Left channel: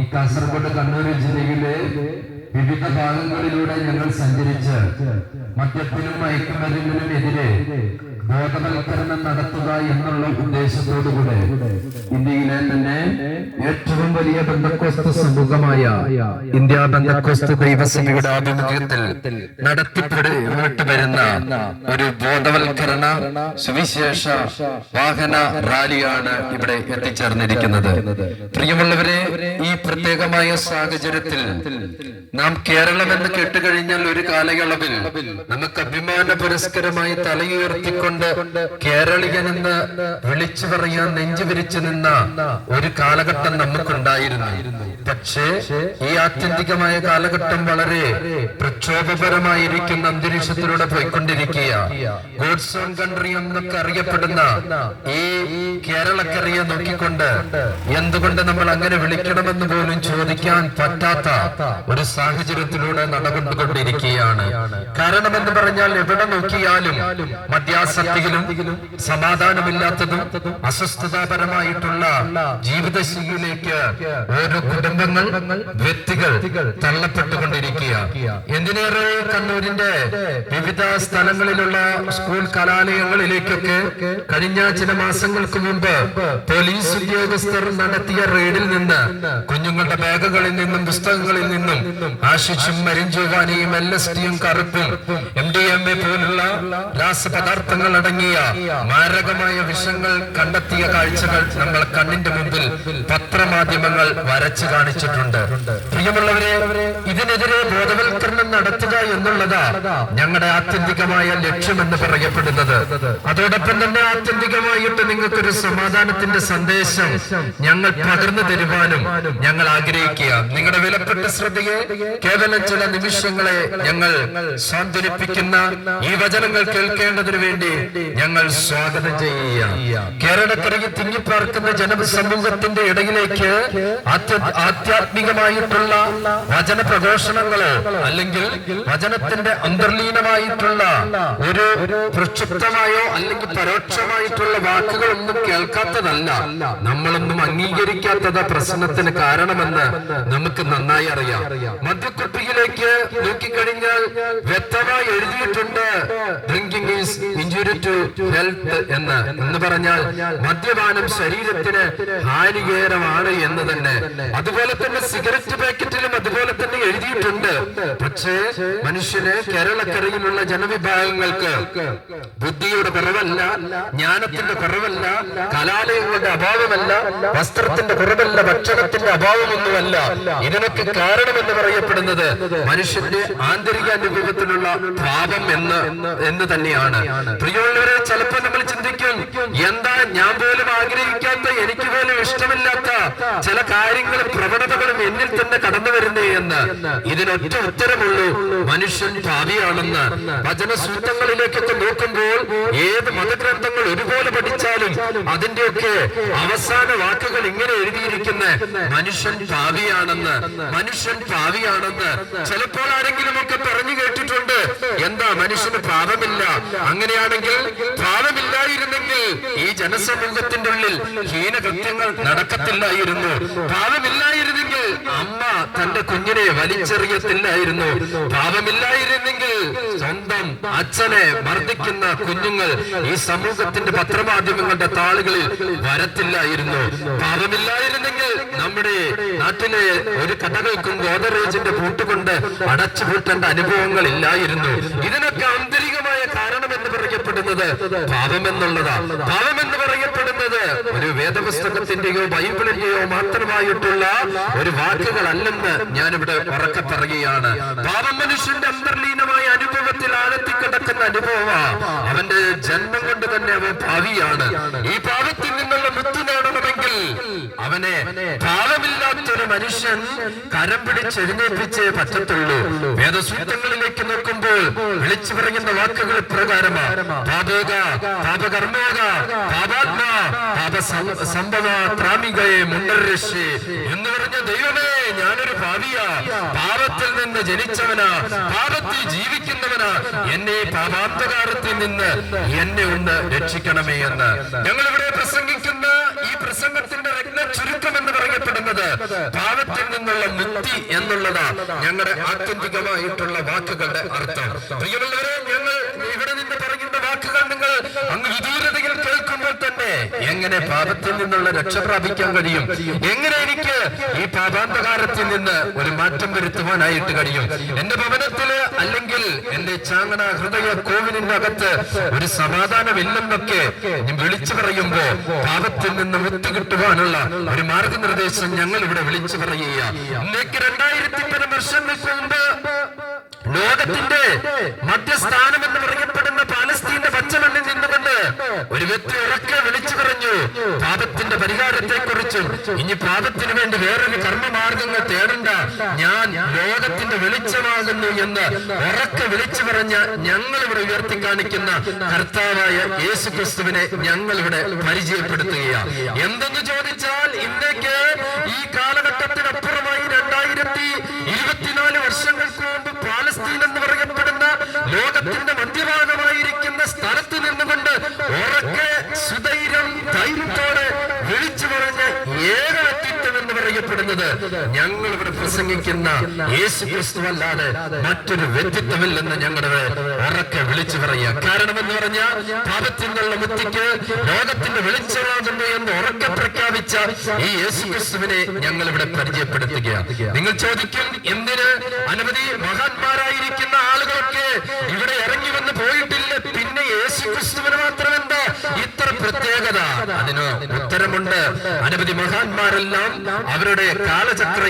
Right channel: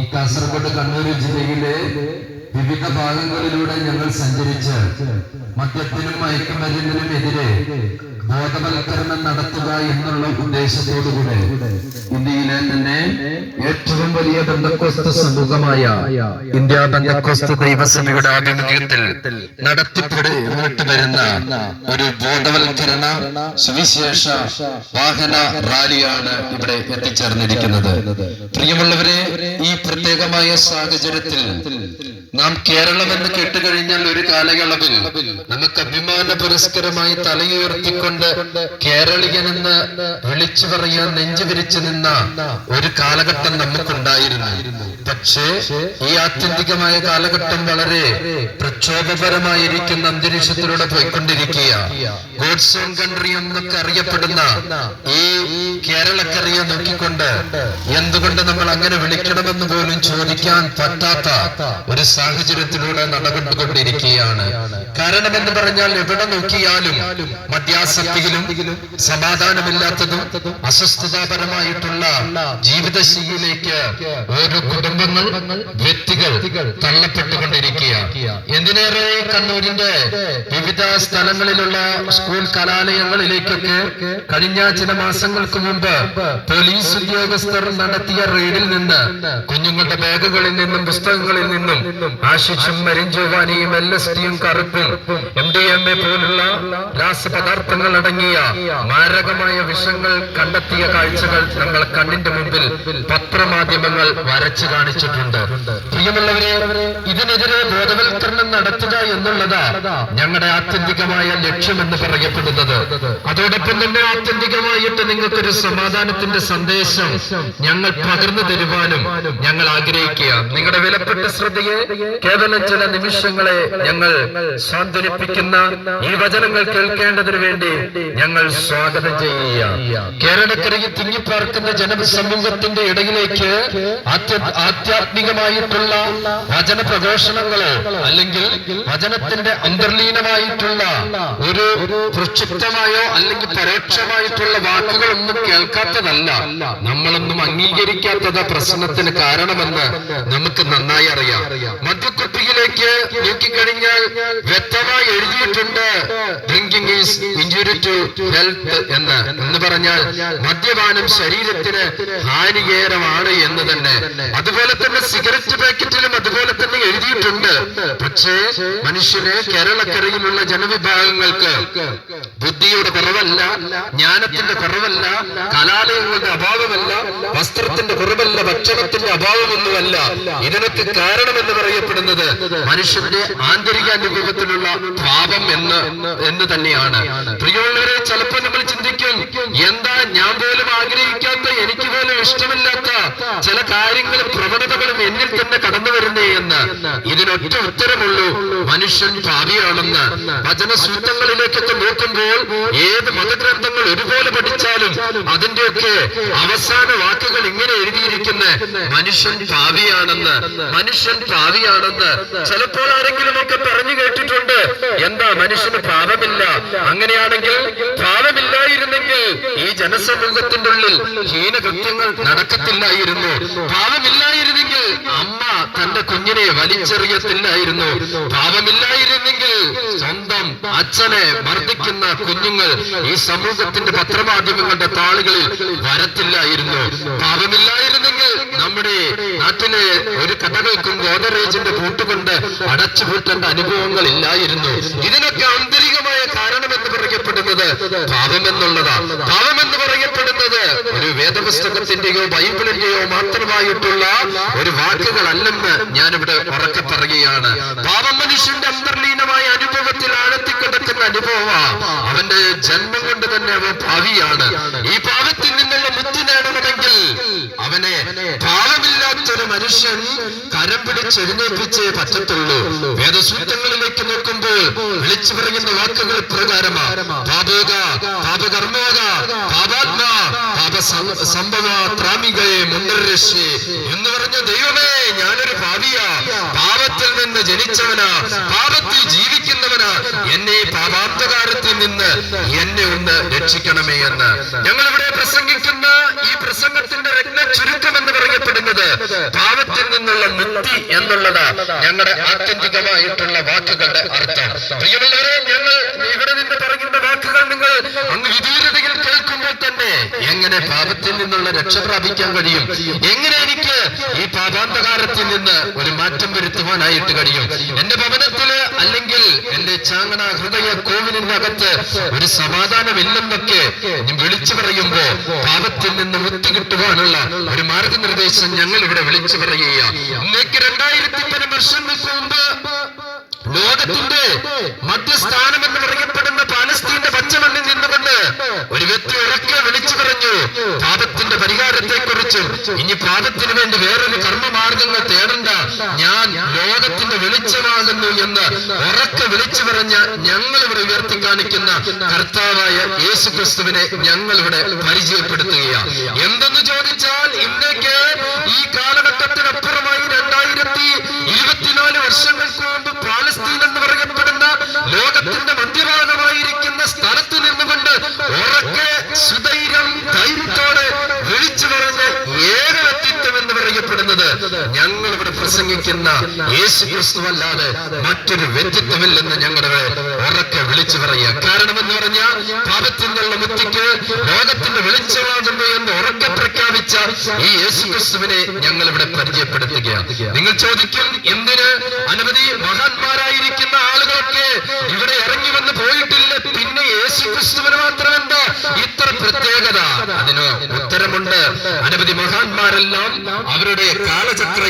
ഈ കാസർഗോഡ് കണ്ണൂർ ജില്ലയിലെ വിവിധ ഭാഗങ്ങളിലൂടെ ഞങ്ങൾ സഞ്ചരിച്ച് മദ്യത്തിനും മയക്കുമരുന്നിനും എതിരെ ബോധവൽക്കരണം നടത്തുക എന്നുള്ള ഉദ്ദേശത്തോടുകൂടെ ഇന്ത്യയിലെ തന്നെ ഏറ്റവും വലിയ ബന്ധക്കോസ്ത് സമൂഹമായ ഇന്ത്യ ബന്ധക്കോസ്ത് ദൈവസഭയുടെ ആഭിമുഖ്യത്തിൽ നടത്തിപ്പെട്ടു വരുന്ന ഒരു ബോധവൽക്കരണ സുവിശേഷ വാഹന റാലിയാണ് ഇവിടെ എത്തിച്ചേർന്നിരിക്കുന്നത്. പ്രിയമുള്ളവരെ, ഈ പ്രത്യേകമായ സാഹചര്യത്തിൽ നാം കേരളം എന്ന് കേട്ടുകഴിഞ്ഞാൽ ഒരു കാലയളവിൽ നമുക്ക് അഭിമാന പുരസ്കരമായി തലയുയർത്തിക്കൊണ്ട് കേരളീയനെന്ന് വിളിച്ചു പറയാൻ നെഞ്ചു വിരിച്ചു നിന്ന ഒരു കാലഘട്ടം നമുക്കുണ്ടായിരുന്നു. പക്ഷേ ഈ ആത്യന്തികമായ കാലഘട്ടം വളരെ പ്രക്ഷോഭപരമായിരിക്കുന്ന അന്തരീക്ഷത്തിലൂടെ പോയിക്കൊണ്ടിരിക്കുക. ഗോഡ്സ് ഓൺ കൺട്രി എന്നൊക്കെ അറിയപ്പെടുന്ന ഈ കേരളക്കരയെ നോക്കിക്കൊണ്ട് എന്തുകൊണ്ട് നമ്മൾ അങ്ങനെ വിളിക്കണമെന്ന് പോലും ചോദിക്കാൻ പറ്റാത്ത ഒരു സാഹചര്യത്തിലൂടെ നടന്നുകൊണ്ടിരിക്കുകയാണ്. കാരണമെന്ന് പറഞ്ഞാൽ എവിടെ നോക്കിയാലും മദ്യാസക്തിയിലും സമാധാനമില്ലാത്തതും അസ്വസ്ഥതാപരമായിട്ടുള്ള ജീവിതശൈലിയിലേക്ക് ഓരോ കുടുംബങ്ങൾ, വ്യക്തികൾ തള്ളപ്പെട്ടുകൊണ്ടിരിക്കുക. എന്തിനേറെ കണ്ണൂരിന്റെ വിവിധ സ്ഥലങ്ങളിലുള്ള സ്കൂൾ കലാലയങ്ങളിലേക്കൊക്കെ കഴിഞ്ഞ ചില മാസങ്ങൾക്ക് മുമ്പ് പോലീസ് ഉദ്യോഗസ്ഥർ നടത്തിയ റെയ്ഡിൽ നിന്ന് കുഞ്ഞുങ്ങളുടെ ബാഗുകളിൽ നിന്നും പുസ്തകങ്ങളിൽ നിന്നും ആശിഷും മരിഞ്ചോവാനിയും LSDയും കറുപ്പും MDMA പോലുള്ള രാസപദാർത്ഥങ്ങൾ അടങ്ങിയ മാരകമായ വിഷങ്ങൾ കണ്ടെത്തിയ കാഴ്ചകൾ നമ്മൾ കണ്ണിന്റെ മുമ്പിൽ പത്രമാധ്യമങ്ങൾ വരച്ചു കാണിച്ചിട്ടുണ്ട്. പ്രിയമുള്ളവരെ, ഇതിനെതിരെ ബോധവൽക്കരണം നടത്തുക എന്നുള്ളതാ ഞങ്ങളുടെ ആത്യന്തികമായ ലക്ഷ്യമെന്ന് പറയപ്പെടുന്നത്. അതോടൊപ്പം തന്നെ ആത്യന്തികമായിട്ട് നിങ്ങൾക്കൊരു സമാധാനത്തിന്റെ സന്ദേശം ഞങ്ങൾ പകർന്നു തരുവാനും ഞങ്ങൾ ആഗ്രഹിക്കുക. നിങ്ങളുടെ വിലപ്പെട്ട ശ്രദ്ധയെ കേവലം ചില നിമിഷങ്ങളെ ഞങ്ങൾ സാന്ത്വനിപ്പിക്കുന്ന ഈ വചനങ്ങൾ കേൾക്കേണ്ടതിനു വേണ്ടി ഞങ്ങൾ സ്വാഗതം ചെയ്യുക. കേരളക്കരയിൽ തിങ്ങിപ്പാർക്കുന്ന ജനസമൂഹത്തിന്റെ ഇടയിലേക്ക് ആധ്യാത്മികമായിട്ടുള്ള വചന പ്രഘോഷണങ്ങളോ അല്ലെങ്കിൽ വചനത്തിന്റെ അന്തർലീനമായിട്ടുള്ള ഒരു പ്രക്ഷുബ്ധമായോ അല്ലെങ്കിൽ പരോക്ഷമായിട്ടുള്ള വാക്കുകളൊന്നും കേൾക്കാത്തതല്ല, നമ്മളൊന്നും അംഗീകരിക്കാത്തത് പ്രശ്നത്തിന് കാരണമെന്ന് നമുക്ക് നന്നായി അറിയാം. മദ്യക്കുപ്പിയിലേക്ക് നോക്കിക്കഴിഞ്ഞാൽ വ്യക്തമായി എഴുതിയിട്ടുണ്ട് drinking is injury to health എന്ന് പറഞ്ഞാൽ മദ്യപാനം ശരീരത്തിന് ഹാനികരമാണ് എന്ന് തന്നെ. അതുപോലെ തന്നെ സിഗരറ്റ് പാക്കറ്റിലും അതുപോലെ തന്നെ എഴുതിയിട്ടുണ്ട്. പക്ഷേ മനുഷ്യന് കേരളക്കരയിലുള്ള ജനവിഭാഗങ്ങൾക്ക് ബുദ്ധിയുടെ കുറവല്ല, ജ്ഞാനത്തിന്റെ കുറവല്ല, കലാലയങ്ങളുടെ അഭാവമല്ല, വസ്ത്രത്തിന്റെ കുറവല്ല, ഭക്ഷണത്തിന്റെ അഭാവമൊന്നുമല്ല. ഇതിനൊക്കെ കാരണമെന്ന് പറയപ്പെടുന്നത് മനുഷ്യന്റെ ആന്തരിക അനുഭവത്തിലുള്ള പാപം എന്ന് തന്നെയാണ്. പ്രിയമുള്ളവരെ, ചിലപ്പോൾ നമ്മൾ ചിന്തിക്കും, എന്താ ഞാൻ പോലും ആഗ്രഹിക്കാത്ത, എനിക്ക് പോലും ഇഷ്ടമില്ലാത്ത ചില കാര്യങ്ങളും പ്രവണതകളും എന്നിൽ തന്നെ കടന്നു വരുന്നേ എന്ന്. ഇതിനൊറ്റ ഉത്തരമുള്ളൂ, മനുഷ്യൻ പാപിയാണെന്ന്. വചനസൂത്രങ്ങളിലേക്കൊക്കെ നോക്കുമ്പോൾ ഏത് മതഗ്രന്ഥങ്ങൾ ഒരുപോലെ പഠിച്ചാലും അതിന്റെയൊക്കെ അവസാന വാക്കുകൾ ഇങ്ങനെ എഴുതിയിരിക്കുന്ന മനുഷ്യൻ പാപിയാണെന്ന്, മനുഷ്യൻ പാപിയാണെന്ന്. ചിലപ്പോൾ ആരെങ്കിലും ഒക്കെ പറഞ്ഞു കേട്ടിട്ടുണ്ട്, എന്താ മനുഷ്യന് പാപമില്ല, അങ്ങനെയാണെങ്കിൽ പാപമില്ലായിരുന്നെങ്കിൽ ഈ ജനസമൂഹത്തിന്റെ ഉള്ളിൽ ഹീനകൃത്യങ്ങൾ നടക്കത്തില്ലായിരുന്നു, പാപമില്ലായിരുന്നെങ്കിൽ അമ്മ തന്റെ കുഞ്ഞിനെ വലിച്ചെറിയത്തില്ലായിരുന്നു, പാപമില്ലായിരുന്നെങ്കിൽ സ്വന്തം അച്ഛനെ മർദ്ദിക്കുന്ന കുഞ്ഞുങ്ങൾ ഈ സമൂഹത്തിന്റെ പത്രമാധ്യമങ്ങളുടെ താളുകളിൽ വരത്തില്ലായിരുന്നു, പാപമില്ലായിരുന്നെങ്കിൽ നമ്മുടെ നാട്ടിലെ ഒരു കടകൾക്കും ഗോദറേജിന്റെ പൂട്ടുകൊണ്ട് അടച്ചുപൂട്ടേണ്ട അനുഭവങ്ങൾ ഇല്ലായിരുന്നു. ഇതിനൊക്കെ ആന്തരികമായ കാരണം എന്ന് പറയപ്പെടുന്നത് പാപമെന്നുള്ളതാ. പാപമെന്ന് പറയപ്പെടുന്നത് ഒരു വേദപുസ്തകത്തിന്റെയോ ബൈബിളിന്റെയോ മാത്രമായിട്ടുള്ള ഒരു വാക്കുകളല്ലെന്ന് ഞാനിവിടെ ഉറക്കെ പറയുകയാണ്. പാപം മനുഷ്യന്റെ അന്തർലീനമായ അനുഭവത്തിൽ ആഴത്തിക്കിടക്കുന്ന അനുഭവമാണ്. അവന്റെ ജന്മം കൊണ്ട് തന്നെ അവൻ പാപിയാണ്. ഈ പാപത്തിൽ നിന്നുള്ള മുക്തി നേടണമെങ്കിൽ അവനെ പാപമില്ലാത്തൊരു മനുഷ്യൻ കരം പിടിച്ചെഴുന്നേൽപ്പിച്ചേ പറ്റത്തുള്ളൂ. വേദസൂത്രങ്ങളിലേക്ക് നോക്കുമ്പോൾ വിളിച്ചു പറയുന്ന വാക്കുകൾ പ്രകാരമാണ് പാപോക, പാപകർമ്മോക, പാപാത്മാ, പാപസംഭവ ത്രാമികയെ മുന്നരക്ഷേ എന്ന് പറഞ്ഞ ദൈവമേ, ഞാനൊരു പാപിയാ, പാപത്തിൽ നിന്ന് ജനിച്ചവനാ, പാപത്തിൽ ജീവിക്കുന്നവനാ, എന്നെ പാപാന്തകാരത്തിൽ നിന്ന് എന്നെ ഒന്ന് രക്ഷിക്കണമേ എന്ന് ഞങ്ങൾ ഇവിടെ പ്രസംഗിക്കുന്ന ഈ പ്രസംഗത്തിന്റെ രത്ന ചുരുക്കം എന്ന് പറയപ്പെടുന്നത് പാപത്തിൽ നിന്നുള്ള മുക്തി എന്നുള്ളത് ഞങ്ങളുടെ ആത്യന്തികമായിട്ടുള്ള വാക്കുകളുടെ അർത്ഥം. പ്രിയമുള്ളവരെ, ഞങ്ങൾ ഇവിടെ നിന്ന് പറയുന്ന വാക്കുകൾ നിങ്ങൾ അങ്ങ് വിദൂരതയിൽ കേൾക്കുമ്പോൾ തന്നെ എങ്ങനെ പാപത്തിൽ നിന്നുള്ള രക്ഷ പ്രാപിക്കാൻ കഴിയും, എങ്ങനെ എനിക്ക് ഈ പാപാന്തകാരത്തിൽ നിന്ന് ഒരു മാറ്റം വരുത്തുവാനായിട്ട് കഴിയും, എന്റെ ഭവനത്തില് അല്ലെങ്കിൽ എന്റെ ചാങ്ങണ ഹൃദയ കോവിലിനകത്ത് ഒരു സമാധാനമില്ലെന്നൊക്കെ വിളിച്ചു പറയുമ്പോ പാപത്തിൽ നിന്ന് മുക്തി കിട്ടുവാനുള്ള ഒരു മാർഗനിർദ്ദേശം ഞങ്ങൾ ഇവിടെ വിളിച്ചു പറയുകയാണ്. ഇന്നേക്ക് 2000 വർഷങ്ങൾക്ക് മുമ്പ് ലോകത്തിന്റെ മധ്യസ്ഥാനം എന്ന് പറയപ്പെടുന്ന പാലസ്തീന്റെ പച്ചമണ്ണിൽ നിന്നുകൊണ്ട് ഒരു വ്യക്തി ഉറക്കെ വിളിച്ചു പറഞ്ഞു പാപത്തിന്റെ പരിഹാരത്തെ കുറിച്ചും ഇനി പാപത്തിന് വേണ്ടി വേറൊരു കർമ്മമാർഗങ്ങൾ തേടണ്ട, ഞാൻ ലോകത്തിന്റെ വെളിച്ചമാകുന്നു എന്ന് ഉറക്കെ വിളിച്ചു പറഞ്ഞ ഞങ്ങൾ ഇവിടെ ഉയർത്തി കാണിക്കുന്ന കർത്താവായ യേശു ക്രിസ്തുവിനെ ഞങ്ങൾ ഇവിടെ പരിചയപ്പെടുത്തുകയാണ്. എന്തെന്ന് ചോദിച്ചാൽ ഇന്നേക്ക് ഈ കാലഘട്ടത്തിനപ്പുറമായി 2024 വർഷങ്ങൾക്ക് മുമ്പ് പാലസ്തീൻ എന്ന് പറയപ്പെടുന്ന ലോകത്തിന്റെ മധ്യഭാഗമായിരിക്കുന്ന സ്ഥലത്ത് നിന്നുകൊണ്ട് ഉറക്കെ സുധൈര്യം ധൈര്യത്തോടെ വിളിച്ചു പറഞ്ഞ ഏക വ്യക്തിത്വം എന്ന് പറയപ്പെടുന്നത് ഞങ്ങൾ ഇവിടെ പ്രസംഗിക്കുന്ന യേശു ക്രിസ്തുവല്ലാതെ മറ്റൊരു വ്യക്തിത്വമില്ലെന്ന് ഞങ്ങളുടെ ഉറക്കെ വിളിച്ചു പറയുക. കാരണം എന്ന് പറഞ്ഞാൽ പാപത്തിൽ നിന്നുള്ള മുക്തിക്ക് ലോകത്തിന്റെ വെളിച്ചമാകുന്നു എന്ന് ഉറക്കെ പ്രഖ്യാപിച്ച ഈ യേശു ക്രിസ്തുവിനെ ഞങ്ങൾ ഇവിടെ പരിചയപ്പെടുത്തുകയാണ്. നിങ്ങൾ ചോദിക്കും, എന്തിന് അനവധി മഹാന്മാരായിരിക്കുന്ന ആളുകളൊക്കെ ഇവിടെ ഇറങ്ങി വന്ന് പോയിട്ടില്ല, പിന്നെ യേശു ക്രിസ്തുവിന് മാത്രമെന്താ ഇത്ര പ്രത്യേകത? അതിന് ഉത്തരമുണ്ട്. അനവധി മഹാന്മാരെല്ലാം അവരുടെ കാലചക്ര